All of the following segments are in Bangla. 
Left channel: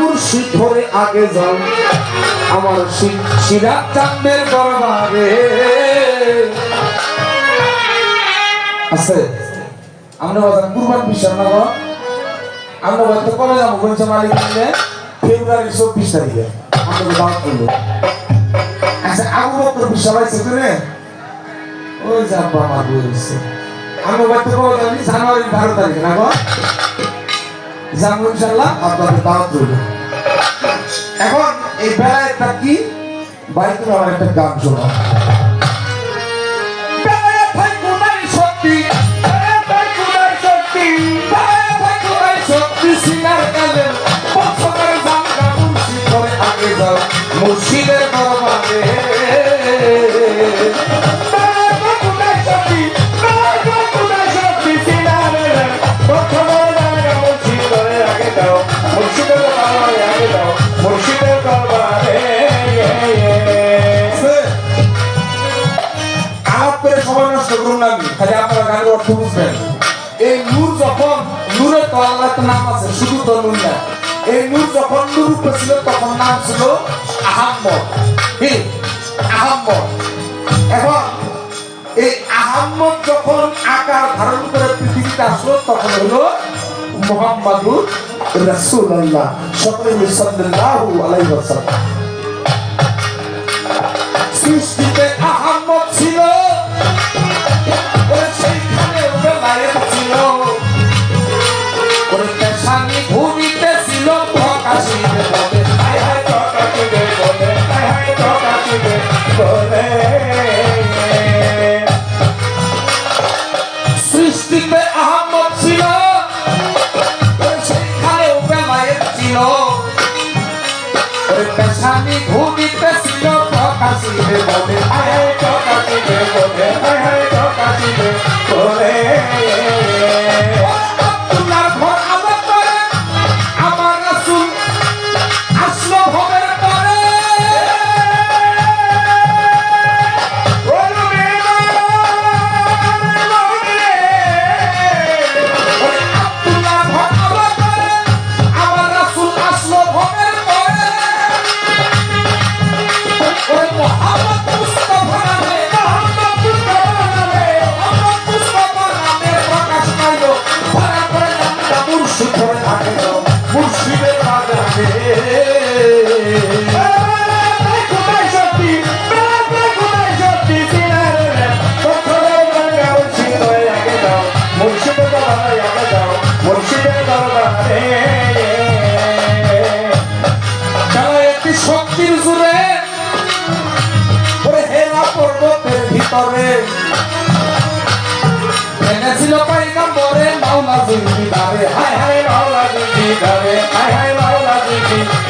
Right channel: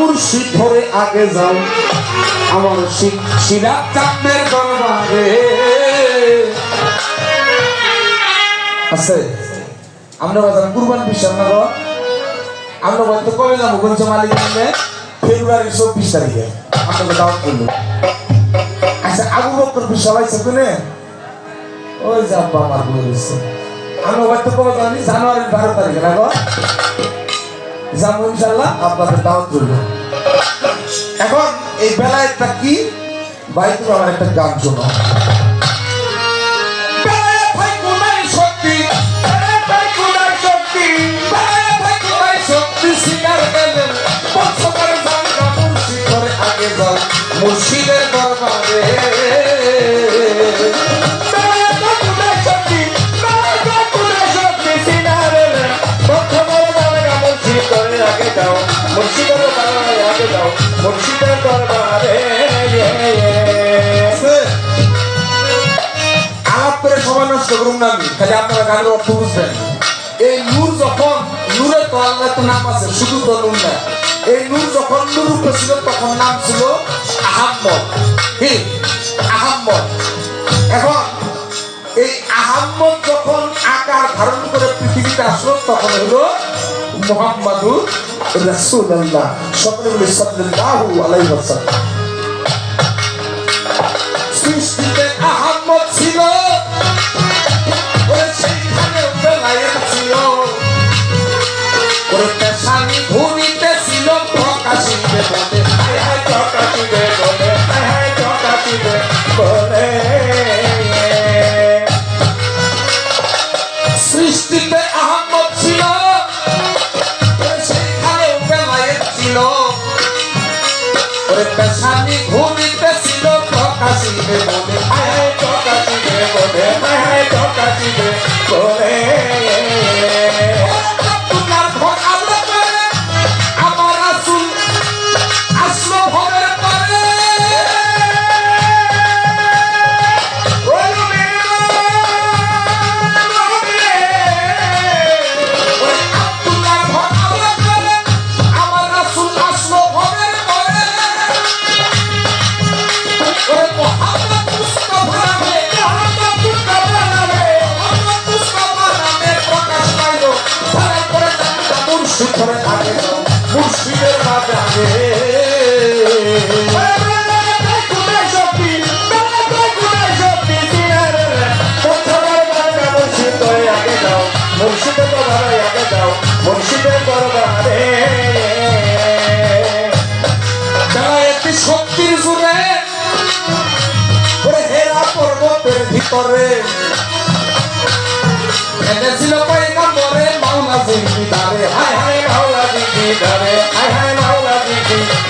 মুর্শিদ ধরে আগে যাও। আমার সিরাজ চাঁদের দরবারে। আছে। আমরা বাজার কুরবান বিশ্বাস না বাবা? আমরা হয়তো কবে যাব? বলছে মালিক নিয়ে ফেব্রুয়ারি চব্বিশ তারিখে। আপনাকে দাওয়াত করল আচ্ছা আবু বকর বিশ্বাস আছে তুমি ওই যে বাবা আমার বই রয়েছে। আমি হয়তো কবে জানি জানুয়ারি বারো তারিখে না? যাব ইনশাল্লাহ আপনাদের দাওয়াত রইল এখন এই বেলায় একটা কি? বাইতুল আমার একটা গান শোনো করে সময় নষ্ট করুন না আমি খালি আপনারা গানের অর্থ বুঝবেন। এই নূর যখন নূরের তো আল্লাহ তো নাম আছে, শুধু তো নূর না। এই নূর যখন নূর ছিল তখন নাম ছিল আহাম্মদ। আহাম্মদ। এখন এই আহাম্মদ যখন আকার ধারণ করে পৃথিবীতে আসলো, তখন হলো মোহাম্মদুর রাসূলুল্লাহ সাল্লাল্লাহু আলাইহি ওয়াসাল্লাম। সৃষ্টিতে বলে শক্তির জুড়ে ওরে হেরা পর্বতের ভিতরে এনেছিল পয়গম্বরে মাওলা জিন্দিদারে হায় হায় হায় মাওলা শক্তির জুড়ে হায় হায়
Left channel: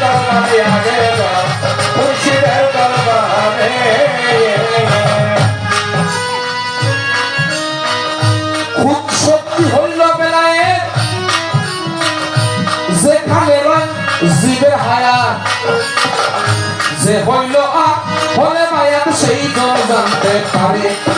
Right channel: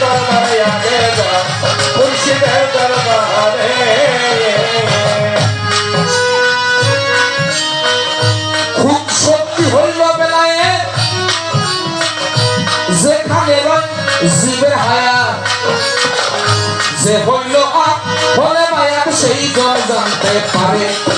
দরবারে খুব শক্তি হইল বেলায় যেখানে জীবের হায়া। যে হইল আ হলে মায়াত সেই জন জানতে পারে।